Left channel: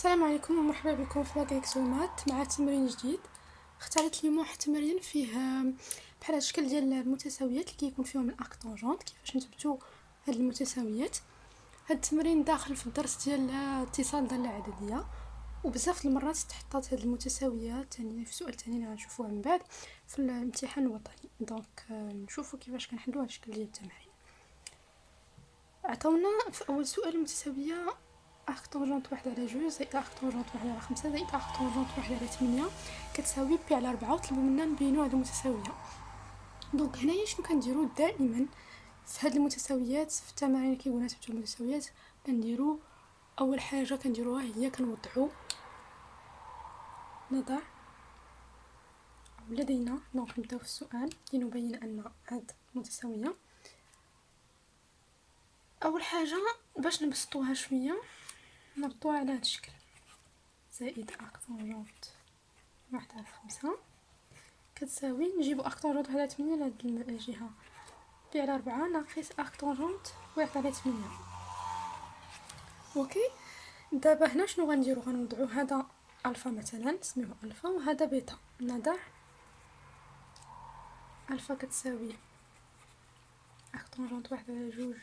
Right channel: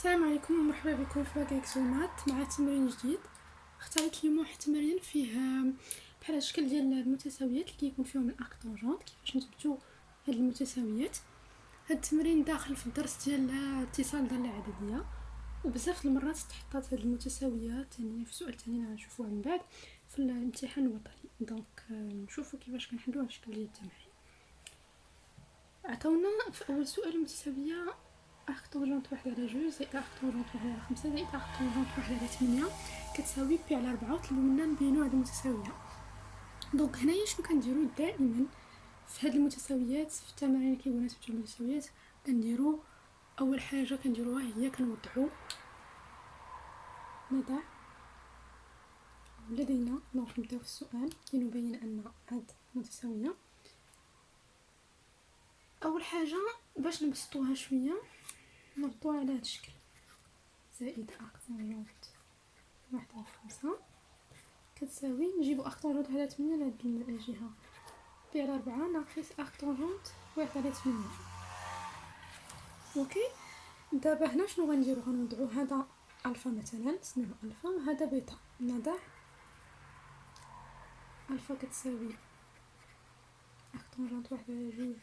السلام عليكم ومرحبا بكم في ماكسومات مع تمرين جديد. اختاريت اليوم واحد التمرين فيه بحال الشكل ديال المتساويات اللي كيكون فيهم الاكتونجونت، كيفاش نثبتوا هاد المتساويات. هاد التمرين داخل في الدرس ديال اتصال داله العدديه، وبزاف المرات تحطات هاد المتساويات يعني في سؤال تاني اللي غنشوفوه من بعد في الامتحان الوطني. دونك نشوفوا كيفاش كنحلوا هاد الشكل ديال التمارين. عطاونا في اول سؤال المتساويه أركتونجونت واحد على جوج زائد أركتونجونت واحد على خمسة زائد أركتونجونت واحد على 8 كتساوي بي على 4، وطلبوا منا نبينو هاد المتساوية. دونك هنايا شنو كنديرو دائما في هاد المتساويات، في التمارين اللي كيقولنا نثبتو المتساويات، كنديرو اول حاجه كنديروها هي كنوضعو نضع لدينا. دونك نبداو في السؤال لنبين ان هاد متساويه. اول حاجه باش نبسطوها شويه نردوها على هاد الشكل، زائد أركتونجونت واحد على 5 كتساوي، نجيبو أركتونجونت واحد على 8 لهاد الجهة، بي على 4 ناقص أركتونجونت واحد على 8. اوكي، دابا هنا شنو غنديرو؟ غنوضعو هذا الفا مثلا، نسميوه الفا، وهذا بيتا. نضع الفا كتساوي أركتونجونت واحد على جوج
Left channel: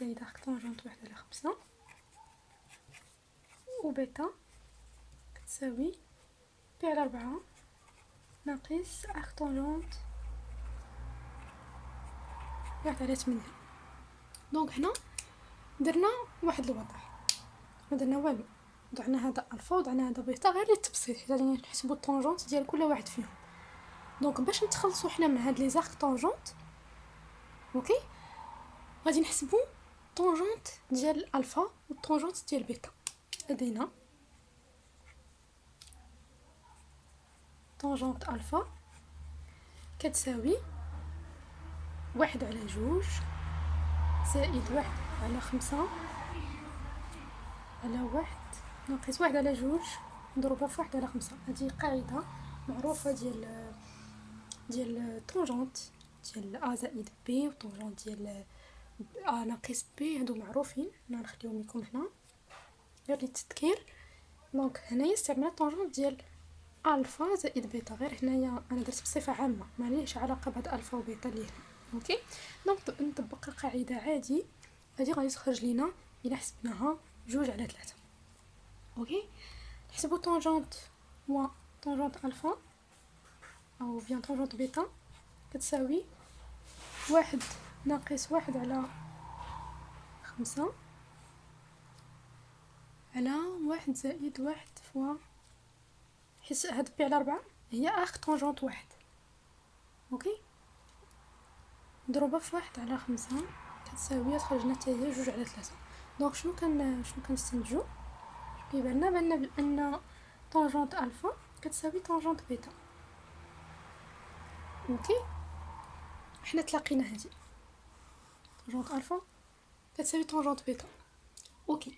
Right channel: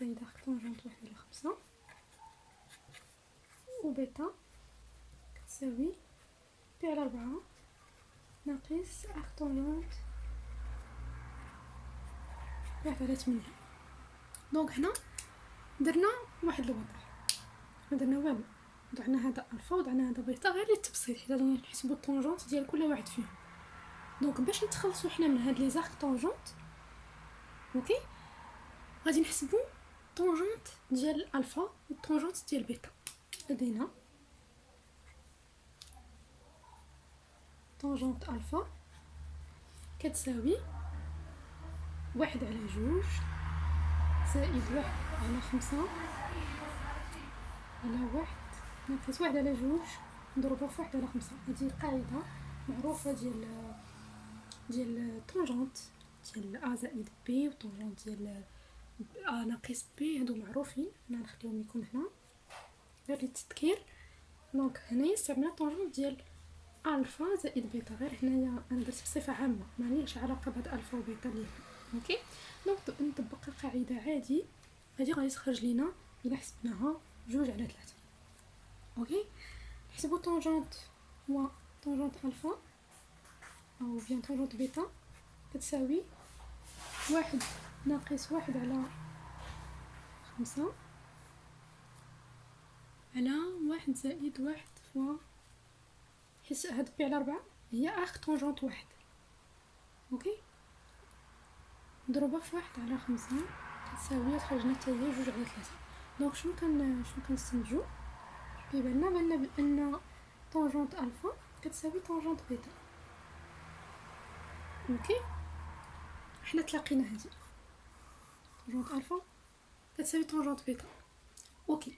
زائد أركتونجونت واحد على 5، وبيتا كتساوي بي على 4 ناقص أركتونجونت واحد على 8. دونك هنا درنا واحد الوضع، ما درنا والو، وضعنا هذا الفا وضعنا هذا بيتا غير للتبسيط، حيت نحسبوا الطونجونت ديال كل واحد فيهم. دونك باش نتخلصوا حنا من هاد لي زاركتونجونت، اوكي، غادي نحسبوا طونجونت ديال الفا والطونجونت ديال بيتا. لدينا طونجونت الفا كتساوي واحد على جوج زائد واحد على 5 على واحد ناقص واحد على جوج نضربها في واحد على 5. هذه قاعدة معروفة ديال الطونجونت ديال ا زائد بي، وطونجونت ديال ا ناقص بي، هادو معروفين، انا نخليهم لكم هنا غير للتذكير. دونك هنايا استعملنا طونجونت ديال الفا زائد بيتا، غير هنايا انا درت بصفه عامه ماليش علاقه بهاد الفا وبيتا اللي هنا. اوكي، دونك نطبق القاعده عادي، هذه غادي تخرج لينا الا حسبناها جوج على 3. اوكي، نحسبوا طونجونت و طونجونت الفا او بيان طونجونت بيتا كتساوي واحد ناقص واحد على 5 على واحد زائد واحد فوا، حيت هاد بي على 4 هي اخ طونجونت واحد. اوكي، نضربها في واحد على 5 كتساوي، تخرجنا حتى هي جوج على 3. دونك شنو كنستنتجو؟ كيبان لنا بان طونجونت الفا كتساوي طونجونت بيتا. اوكي، حنا تلاقينا هذه طونجونت الفا كتساوي طونجونت بيتا. اوكي،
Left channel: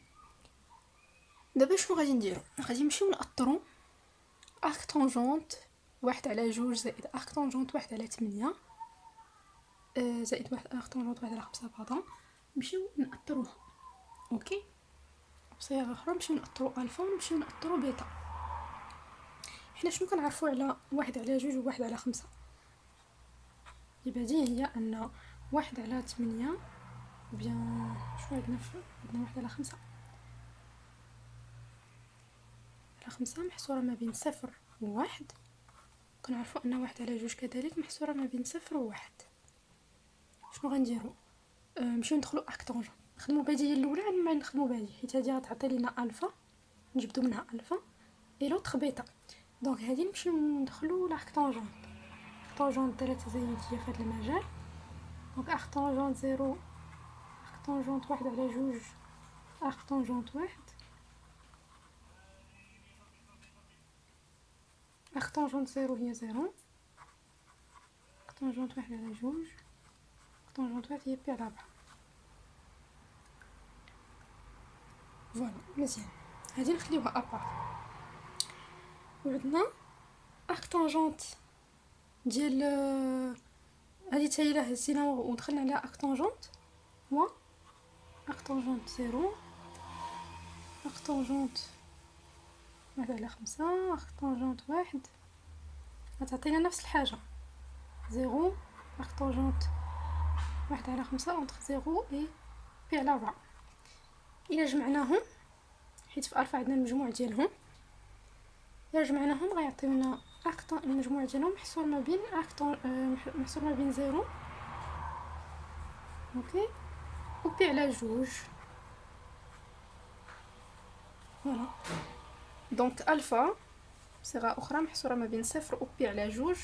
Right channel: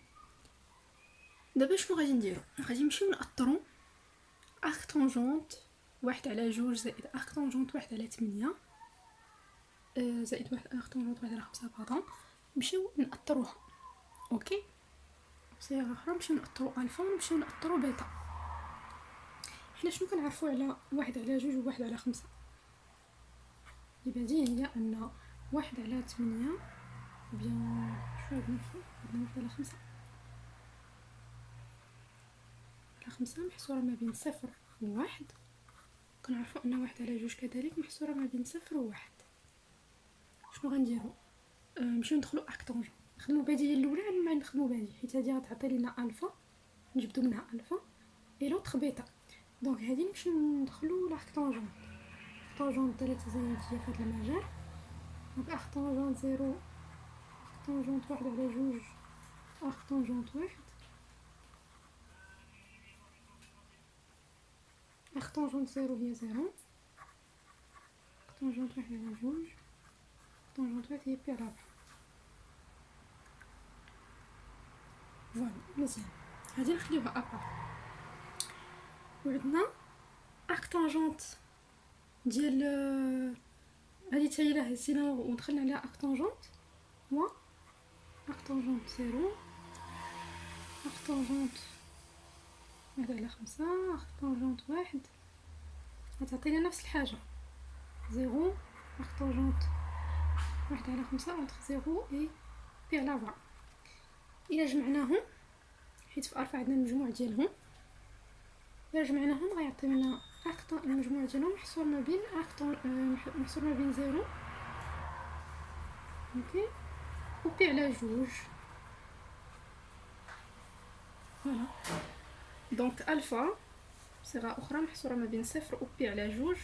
دابا شنو غادي نديرو؟ غادي نمشيو نأطرو أركتونجونت واحد على جوج زائد أركتونجونت واحد على 8 زائد واحد أركتونجونت واحد على 5 باردون، نمشيو نأطروها. اوكي، بصيغه اخرى نمشيو نأطرو الفا ونمشيو نأطرو بيتا. حنا شنو كنعرفو على واحد على جوج وواحد على 5؟ البديهي هي ان واحد على 8 بيان شنو عندنا واحد على 5 على 5 محصوره ما بين صفر وواحد، كنعرفو ان واحد على جوج كذلك محصوره ما بين صفر وواحد. شنو غنديرو؟ نمشيو ندخلو أركتونجون، نخدمو بديل الاولى على ما نخدمو بديل، حيت هادي غتعطي لينا الفا نجبدو منها الفا اي لوطخ بيتا. دونك هادي نمشيو ندخلو لاركتونجون، طونجونت ثلاثة زايدية في هاد المجال. دونك أركتونجونت زيرو، أركتونجونت واحد على جوج، أركتونجونت واحد، أركتونجونت زيرو هي زيرو، أركتونجونت واحد على جوج، أركتونجونت واحد هي بي على 4. فوالا مزيان، هادي نخليوها أبار. وعندنا أركتونجونت ديال هادي تا هي لا هزينا ودخلنا عليها أركتونجونت هو أركتونجونت زيرو، أركتونجونت واحد على 5 أخ طونجونت واحد غتعطينا نفس الحاجة. 0 أخ طونجونت واحد على 5 أونتخ 0 إي بي على 4. إلا جمعناهم، حيت في ألفا عندنا المجموع ديالهم، إلا جمعناهم غيعطيونا المجموع ديالهم محصور ما بين محصور ما بين 0 اوكي و بي على جوج. فوالا دونك ألفا بصيغة أخرى محصورة ما بين 0 و بي على جوج،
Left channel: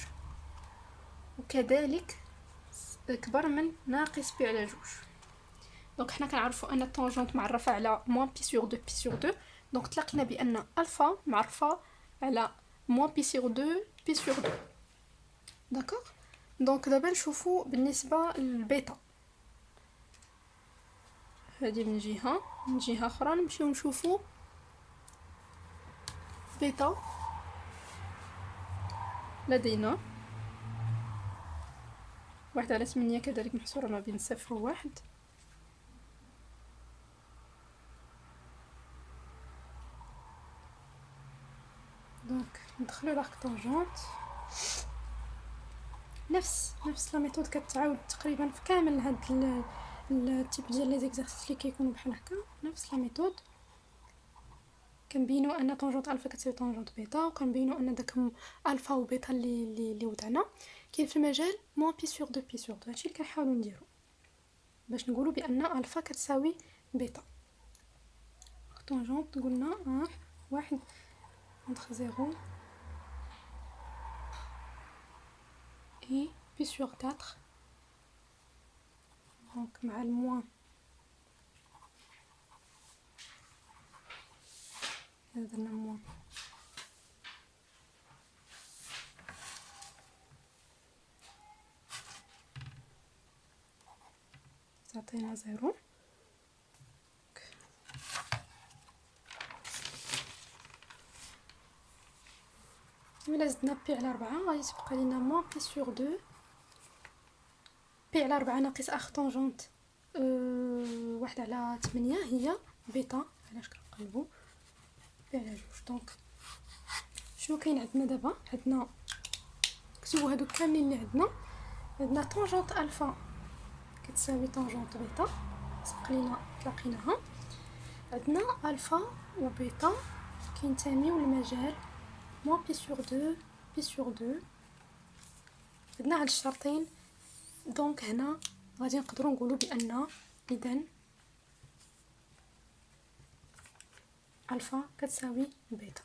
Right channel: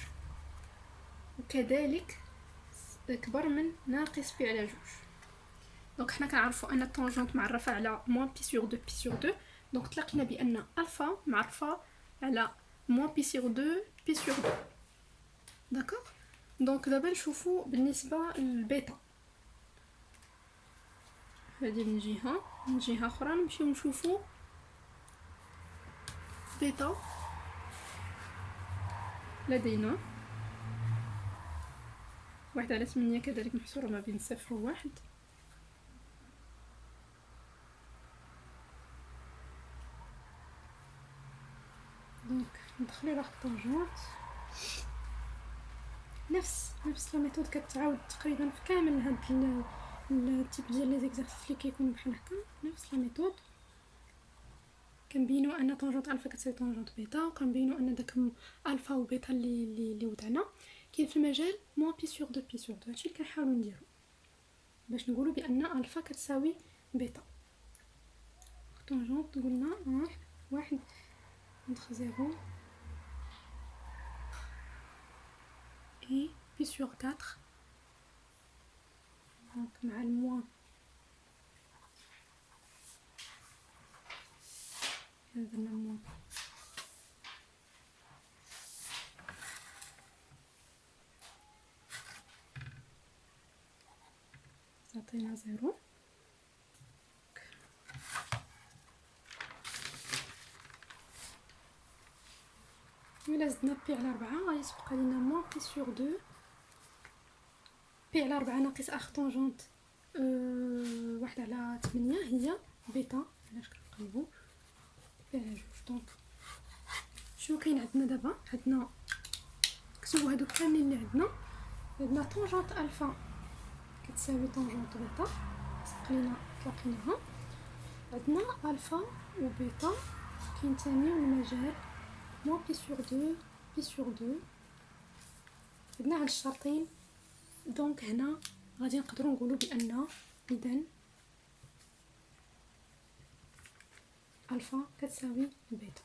وكذلك كبر من ناقص بي على جوج. دونك حنا كنعرفوا ان الطونجونت معرفه على موان بي سور 2 بي سور 2، دونك تلاقينا بان الفا معرفه على موان بي سور 2 بي سور 2. داكوغ. دونك دابا نشوفوا بالنسبه للبيتا، هذه من جهه اخرى نمشيو نشوفوا بيتا. لدينا 1 على 8 كذلك محصوره ما بين 0 و 1. دونك ندخلو لاخ طونجونت، نفس لا ميثود كتعاود تقريبا في كامل هاد التيب ديال لي زيكزارسيس اللي كيكونوا بحال هكا. نفس لا ميثود كنبينوا ان طونجونت الفا كتساوي طونجونت بيتا، وكنبينوا ان داك الفا وبيتا اللي وضعنا كاين في المجال موان بي سور 2 بي سور 2. هادشي اللي كنحاولوا نديرو باش نقولوا بان الفا كتساوي بيتا. طونجونت قلنا 1 entre 0 et pi sur 4. Donc مع الموان درنا موان تعطينا 0. إلا زدنا بي على 4 غادي تبقى لينا موان بي سور 2 بي على 4 ناقص اخ طونجونت 1 على 8 هي بيتا. علاش كنقلبوا بي على جوج. دونك شنو كاين عندنا دابا؟ عندنا كتبوا هادو كاملين اللي عندنا طونجونت الفا كتساوي طونجونت بيتا، سقلينا تلاقيناها. عندنا الفا وبيتا كينتميو للمجال موان بي سور 2 بي سور 2. عندنا هاد الشرطين. دونك هنا غادي نقدروا نقولوا بان اذا الفا كتساوي بيتا.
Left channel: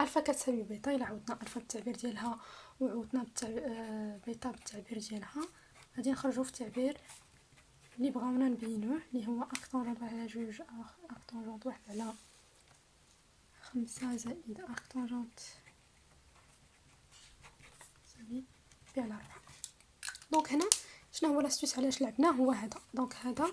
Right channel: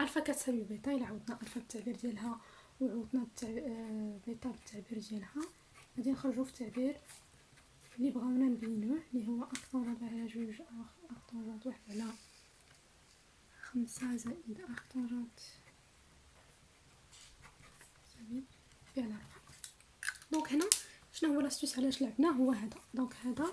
الفا كتساوي بيتا. الا عوضنا الفا بالتعبير ديالها وعوضنا بيتا بالتعبير ديالها غادي نخرجوا في التعبير اللي بغاونا نبينوه، اللي هو اخ طونجونت 1 على 2 اخ طونجونت 1 على 5 زائد اخ طونجونت بي على 4. دونك هنا شنو هو لاستوس علاش لعبناه هو هذا. دونك هذا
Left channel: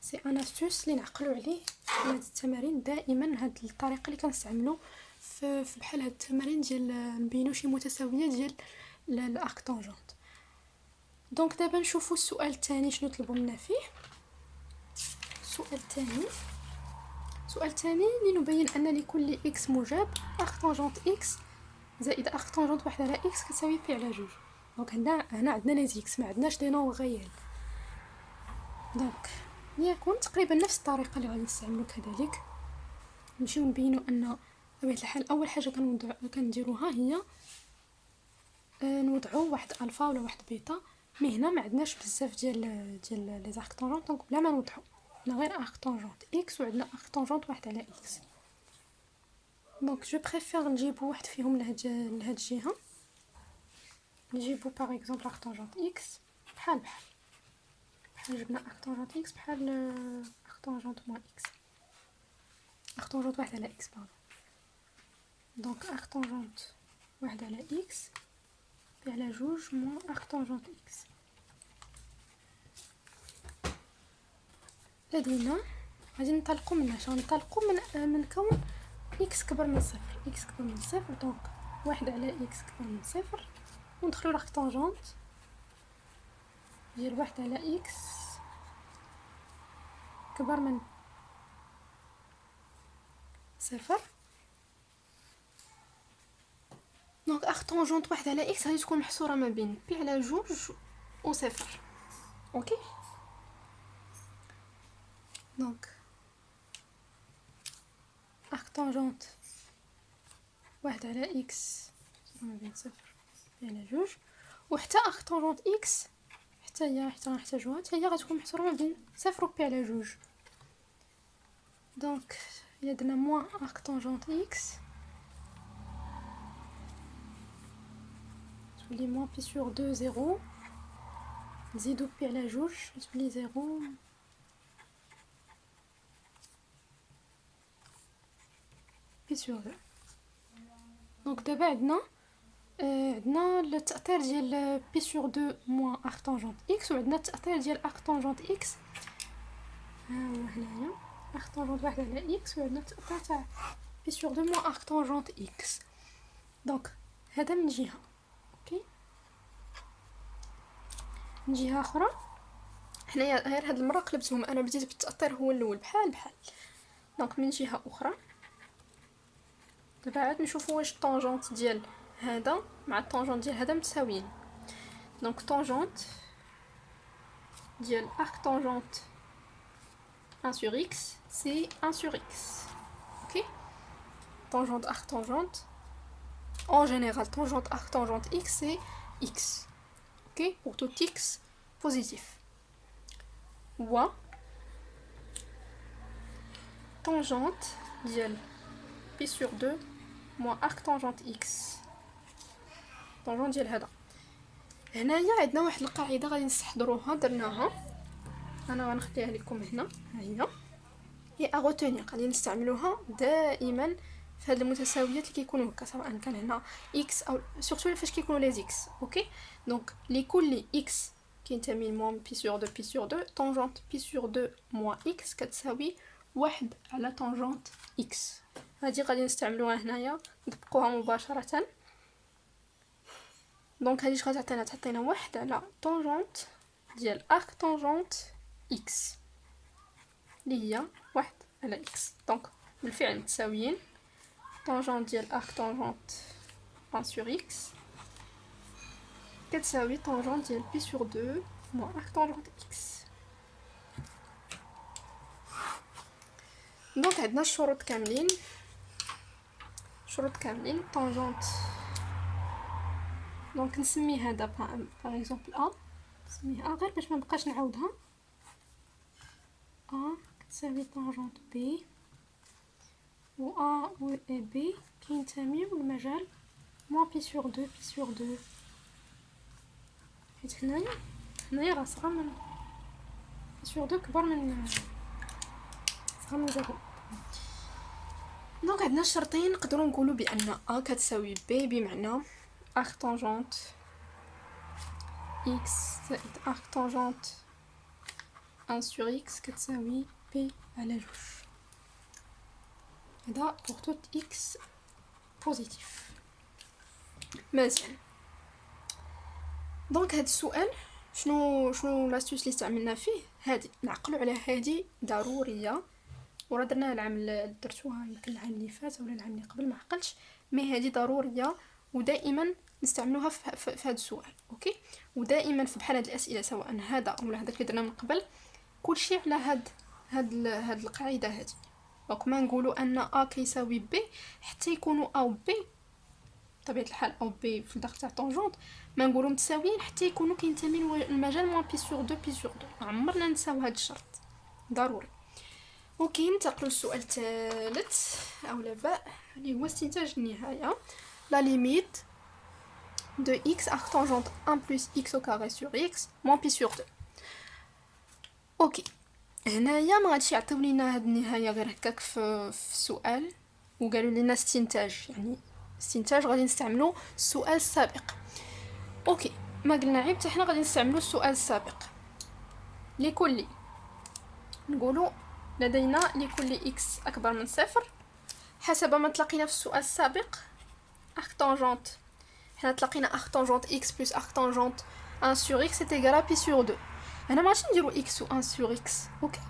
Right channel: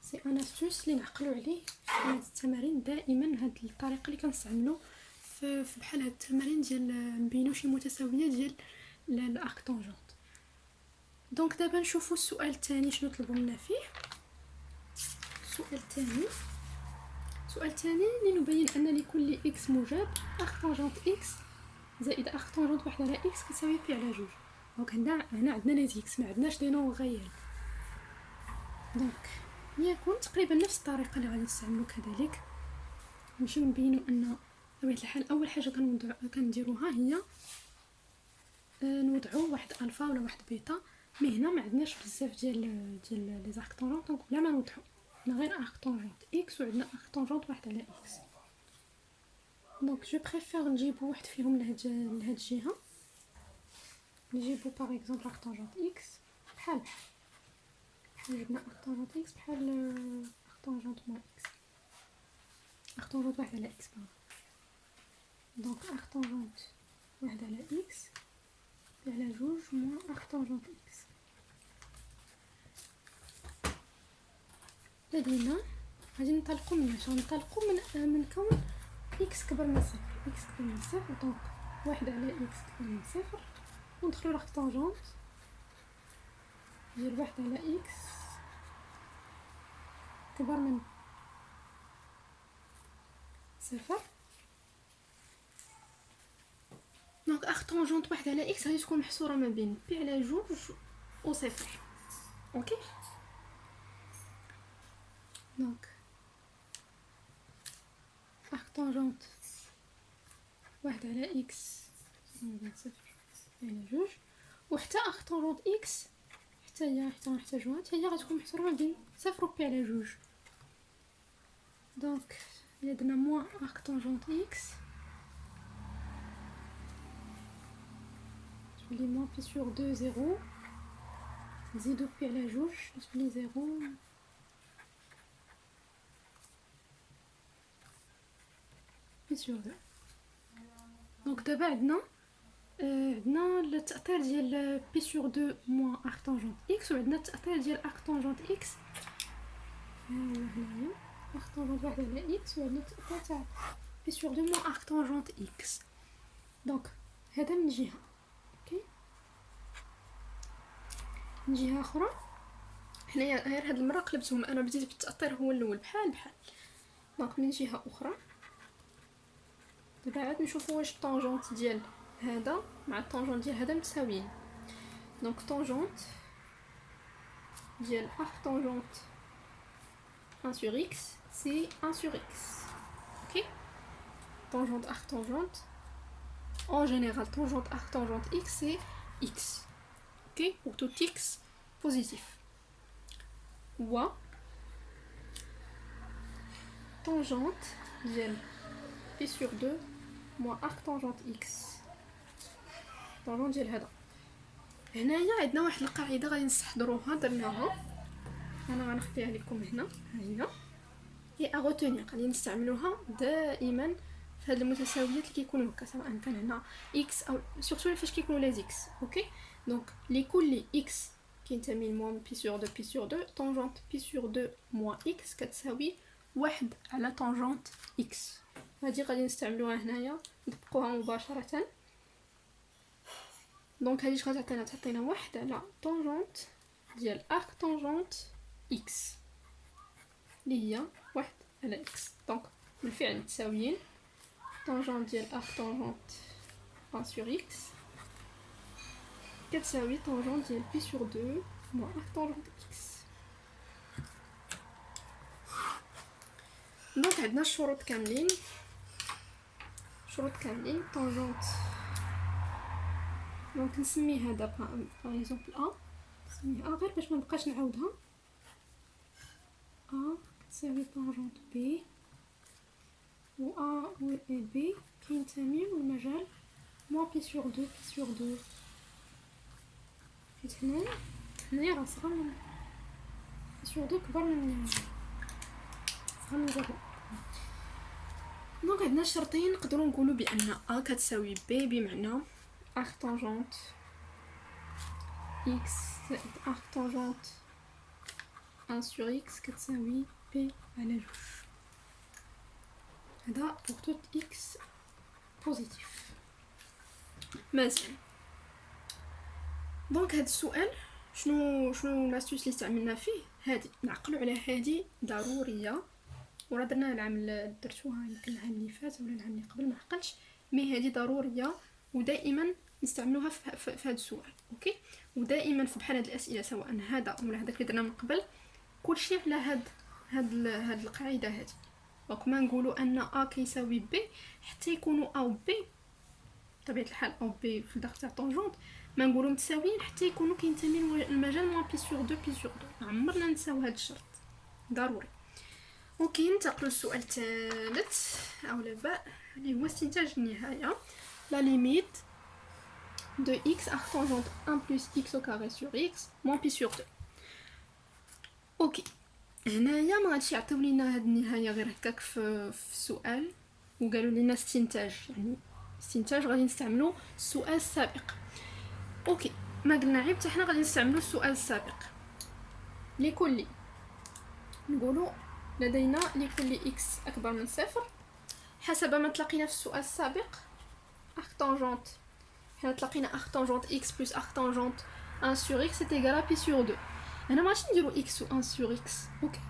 سي ان استوس اللي نعقلوا عليه في هاد التمارين دائما. هاد الطريقه اللي كنستعملوا في بحال هاد التمارين ديال نبينوا شي متساويه ديال الاخ طونجونت. دونك دابا نشوفوا السؤال الثاني شنو طلبوا منا فيه. السؤال الثاني لنبين ان لكل اكس موجب اخ طونجونت اكس زائد اخ طونجونت 1 على اكس كتساوي بي على جوج. دونك هنا عندنا لي زيكس، ما عندناش لي نون غيال. دونك يكون تقريبا نفس الطريقه اللي غادي نستعملوا كذلك. نمشيو نبينوا ان بطبيعه الحال اول حاجه كنديروها هي نوضعوا واحد الفا ولا واحد بيتا. مي هنا ما عندناش بزاف ديال لي زارك طونجونت، دونك بلا ما نوضعوا عندنا غير اخ طونجونت اكس وعندنا اخ طونجونت 1 على اكس. دونك جو بريفير نجيبو واحد فيهم لهاد الجهه. نجيبو باغ اكزومبل اخ طونجونت اكس بحال جبنا اخ طونجونت اكس بحال اخ طونجونت موان اكس، اخ طونجونت 1 على اكس باغ. دونك اخ طونجونت 1 على اكس بي على جوج موان اخ طونجونت اكس. لدينا غادي ننطلقوا من كون اكس كبر من صفر. دونك 1 على اكس كبر من صفر، وندخلوا لاخ طونجونت ديال 1 على اكس كبر من صفر. دونك اخ طونجونت واحد على اكس غادي تكون محصوره ما بين بي على جوج و صفر. اوكي دونك اخ طونجونت واحد على اكس ما بين صفر بي على جوج، وحتى اخ طونجونت اكس حتى هي غنحتاجوها، حتى هي غتكون محصوره ما بين صفر و بي على جوج. دونك il y a de la moins arc tangente x, je lis moins pi sur 2 0, زيدو pi على جوج تولي 0 pi sur 2. دونك دابا عندنا التأثير ديال pi sur 2 moins arc tangente x، وعندنا التأثير ديال arc tangente x هنايا arc tangente واحد على x، وعندنا التأثير تاع pi sur 2 moins arc tangente x. دونك هذا من جهة. اوكي من جهة أخرى حنايا غير هاد المرة قلبتهم، أنا بديت بالتأثير هو الأول بحال. دونك من جهة أخرى دابا عاد نشوفو واش الطونجونت ديال هذا مع الطونجونت ديال هذا متساويين. دونك طونجونت ديال arc tangente 1 sur x c'est 1 sur x. Ok, tangente arc tangente en général, tangente arc tangente x c'est x. Ok, pour tout x positif. Ou tangente ديال pi sur 2 moins arc tangente x. tangente ديال هذا. هنايا عندنا واحد القاعده غادي نستحضروها درناها، انا غنخليها لكم هنا. ها هي اغوتوني غادي نستعملوها دائما في هاد المتساويات اللي كيكونوا هكا، سواء كان هنا اكس او سورتو فاش كيكونوا لي اكس. اوكي دونك لكل اكس كينتمي لموان بي سور 2 بي سور 2 طونجونت بي سور 2 موان اكس كتساوي واحد على طونجونت اكس. هادي غادي نستعملوها هنايا نطبقوها مباشره. دونك هادي اش غتعطينا؟ تعطينا واحد على طونجونت ديال ارك طونجونت اكس اللي هي واحد على اكس. دونك بالفعل متساويين. طونجونت ديال ارك طونجونت 1 sur اكس كتساوي طونجونت ديال بي sur 2 موان ارك طونجونت اكس. دونك عندنا الشروط كاملين، طونجونت. دونك نسمي هذا باغ اكزومبل ا، نسميها غير باش ما نبقاش نعاودها. ا كتساوي طونجونت بي، و ا و بي كينتميو للمجال موان بي سور 2 بي سور 2. حيت هنايا راه صغر من بي سور 2 كبر من صغر من 0. دونك عندنا شرطين نقدروا نقولوا بان ا كتساوي بي، بمعنى arc tangente x زائد arc tangente 1 sur x كتساوي p على جوج. هذا pour tout x positif. مزيان. دونك هذا السؤال شنو لاستيوس اللي استعملنا فيه؟ هادي نعقلوا على هادي ضروريه، وراه درناها العام اللي درتوها يمكن العام اللي فات ولا العام اللي قبل ما عقلتش، مي هادي ضروريه ودائما نستعملوها في هذا السؤال. اوكي ودائما في بحال هاد الاسئله سواء هذا ولا هذاك اللي درنا من قبل كلشي على هاد القاعده هذه. دونك ما نقولوا ان ا كيساوي بي حتى يكونوا ا و بي بطبيعه الحال او بي في الداخل تاع طونجونت، ما نقولوا متساويين حتى يكونوا كينتميو للمجال موان بي سور 2 بي سور 2. عمرنا نساو هذا الشرط ضروري. اوكي ننتقلوا للسؤال الثالث او لا باء اللي هو استنتاج النهايه. لا ليميت de x arc tangente 1 plus x au carré sur x moins pi sur 2. اوكي هنايا ما غاديش يعطيو لينا هاد النهايه غير هكاك في السؤال وقالوا لنا استنتاج، يعني استنتاج غادي نستعملوا السؤال السابق. اوكي ما قلنا عيب حتى حنا غادي نستعملوا السؤال السابق. لكل نقولوا لدينا لكل x اكبر من صفر حسب ما تلقينا في السؤال السابق arc tangente. حنا تلقينا arc tangente x plus arc tangente 1 sur x est égal à pi sur 2. هنا ماشي نديرو x و 1 sur x. اوكي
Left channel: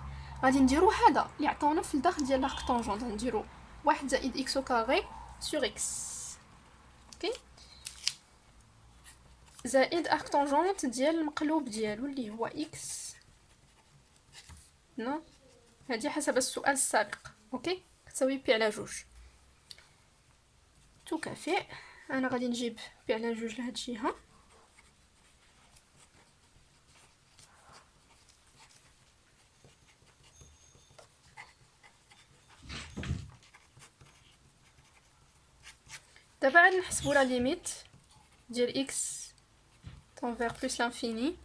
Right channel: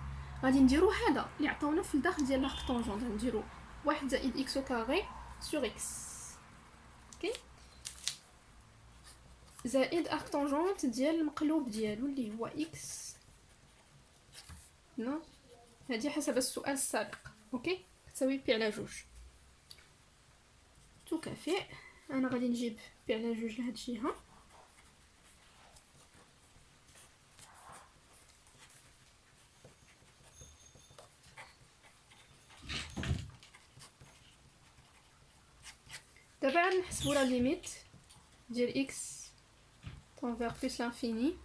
غادي نديرو هذا اللي عطاونا في الداخل ديال l'arc tangente، نديرو 1 زائد x au carré sur x. اوكي زائد اركتونجونت ديال المقلوب ديالو اللي هو اكس. نو هذه حسب السؤال السابق. اوكي كتساوي بي على جوج تكافئ. انا غادي نجيب بي على جوج لهاد الجهه. دابا عاد نحسبوا لا ليميت ديال اكس تنفير بلس لانفيني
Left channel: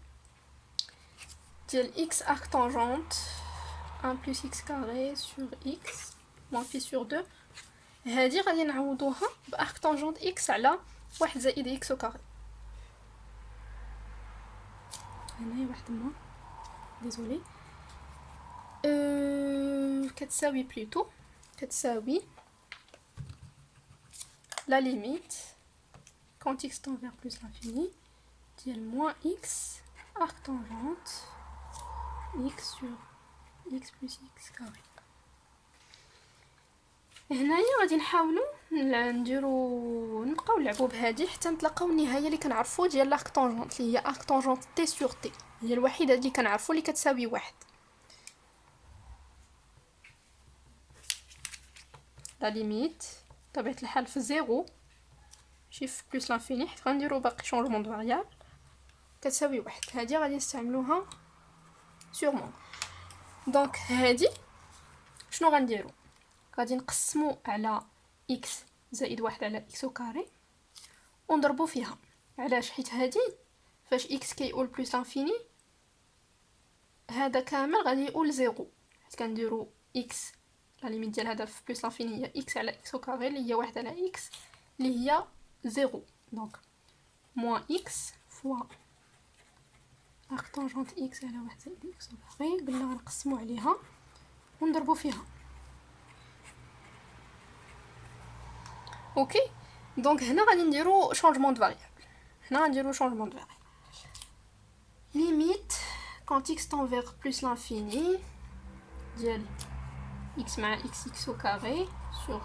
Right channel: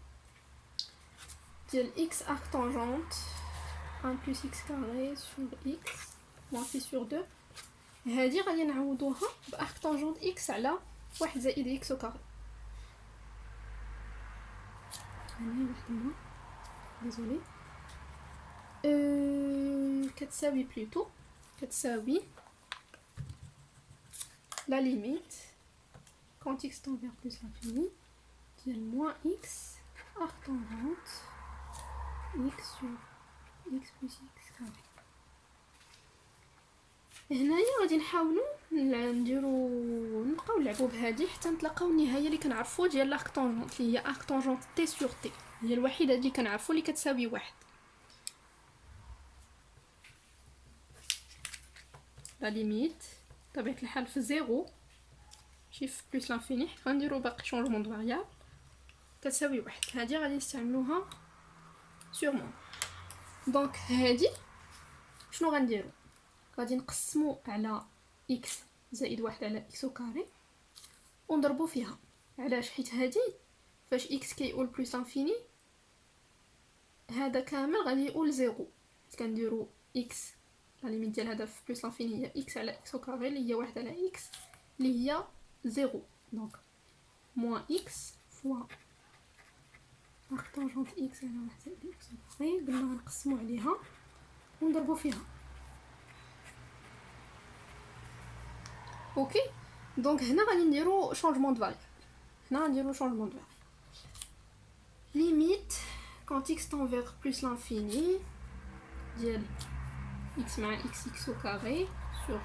ديال x arc tangente 1 plus x carré sur x moins pi sur 2. هذه غادي نعوضوها بارك طونجونت x على 1 زائد x au carré. هنا واحد ما ديزولي كتساوي بلوتو كتساوي la limite quand x tend vers plus l'infini ديال moins x arc tangente x sur x plus x carré. هنايا غادي نحاولوا نبقاو نلعبوا بهذه حتى نتلاقاو النهايه اللي كنعرفوا ديال لارك طونجونت اللي هي ارك طونجونت تي سور تي، هي الوحيده اللي كنعرفوا اللي كتساوي واحد. لا ليميت طبيعه الحال في زيرو ماشي في بلس لانفيني حيت غنديروا باقي شونجمون دو فاريابل كتساوي واحد. هذه غادي نستعملوها سورمون. دونك هذه شنو غنديروا؟ غادي نقسموا على اكس زائد واحد على اكس كاري ونضربوا فيها. علاش؟ حيت هذه فاش اكس كيقول بلس لانفيني هذا كامل غادي يقول زيرو، حيت كنديروا اكس لا ليميت ديال هذا في بلس لانفيني هي اكس على اكس كاري اللي هي واحد على اكس اللي هي زيرو. دونك موان اكس فوا ارك طونجونت اكس على واحد زائد اكس كاري قلنا غنقسموا عليها ونضربوا فيها. اوكي دونك هنا غادي نديرو شونجمون دو فاريابل. هنا غنديرو شونجمون دو فاريابل ليميت كونت x tend vers plus l'infini ديال x مع x au carré sur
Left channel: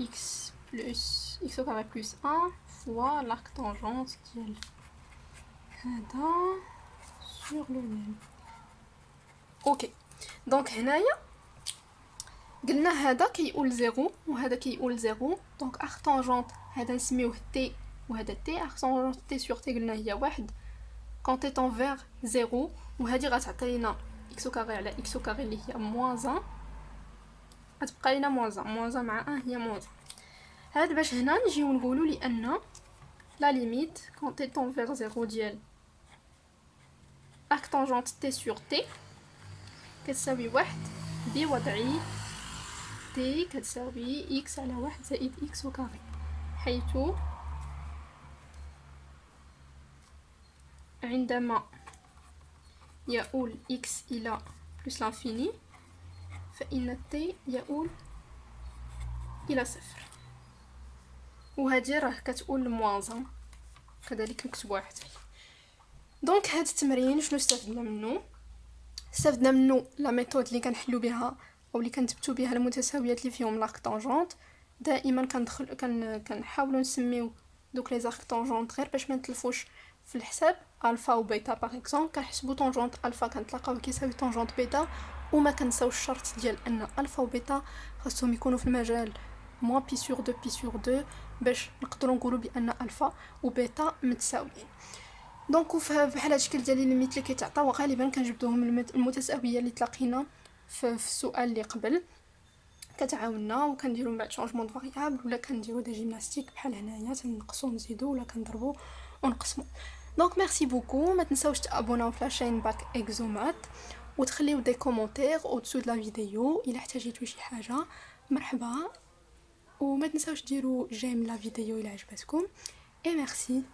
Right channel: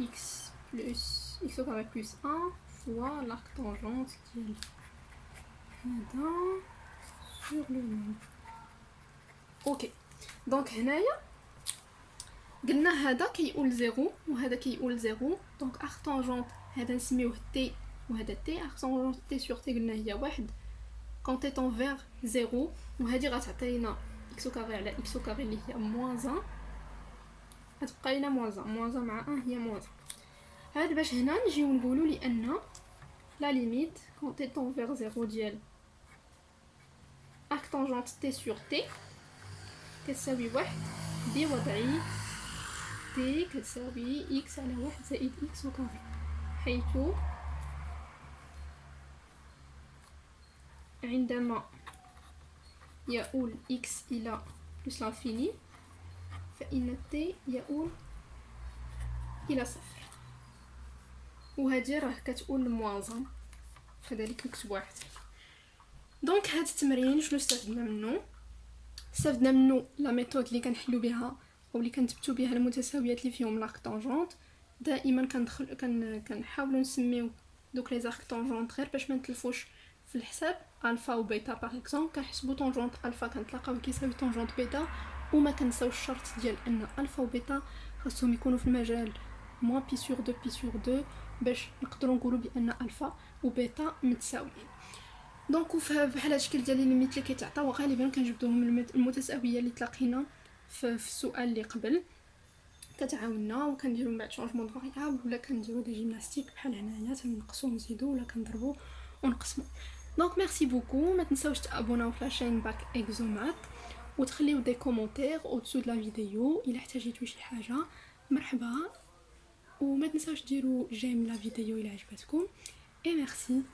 x plus x au carré plus 1 fois l'arc tangente ديال هذا sur le nul. اوكي دونك هنايا قلنا هذا كيقول زيرو وهذا كيقول زيرو. دونك ارك طونجونت هذا نسميوه تي وهذا تي. ارك طونجونت تي سور تي قلنا هي واحد كون تي طون فيغ زيرو، وهذه غتعطينا اكس كاري على اكس كاري اللي هي موان 1 غتبقى لينا موان 1 موان 1 مع 1 هي موان 1. هاد باش هنا نجيو نقولوا لان لا ليميت كون تي طون فيغ زيرو ديال ارك طونجونت تي سور تي كتساوي واحد بوضعي تي كتساوي اكس على واحد زائد اكس كاري، حيث عندما يؤول اكس الى بلس لانفيني فإن تي يؤول الى صفر، وهذه راه كتقول لموان كذلك نكتبوها حتى. دونك هذا التمرين شنو استفدنا منه؟ استفدنا منه لا ميثود اللي كنحلو بها او اللي كنثبتوا بها المتساويات اللي فيهم لارك طونجونت. دائما كنحاولوا نسميو دوك لي زارك طونجونت غير باش ما نتلفوش في الحساب الفا و بيتا. باغ اكزومبل كنحسبوا طونجونت الفا كنتلاقاو كيساوي طونجونت بيتا، وما كنساوش الشرط ديال ان الفا و بيتا خاصهم يكونوا في المجال موان بي سور 2 بي سور 2 باش نقدروا نقولوا بان الفا و بيتا متساويين. دونك بحال هالشكل ديال الليميت اللي كيتعطاو غالبا كنجبدوهم المتساويه اللي تلاقينا في السؤال اللي قبل كتعاوننا، وكنديروا من بعد شونجمون دو فاريابل ولا كنديروا دي جيمناستيك بحال هنايا تنقصوا ونزيدوا ولا كنضربوا ونقسموا. دونك ميرسي بوكو. ما تنساوش تابوناو في لاشين باك اكزومات وتخليو دي كومونتير او دسو د لا فيديو الا احتاجيتو شي حاجه مرحبا. وما تنساوش ديروا جيم لا فيديو الا عجبتكم. اي ميرسي.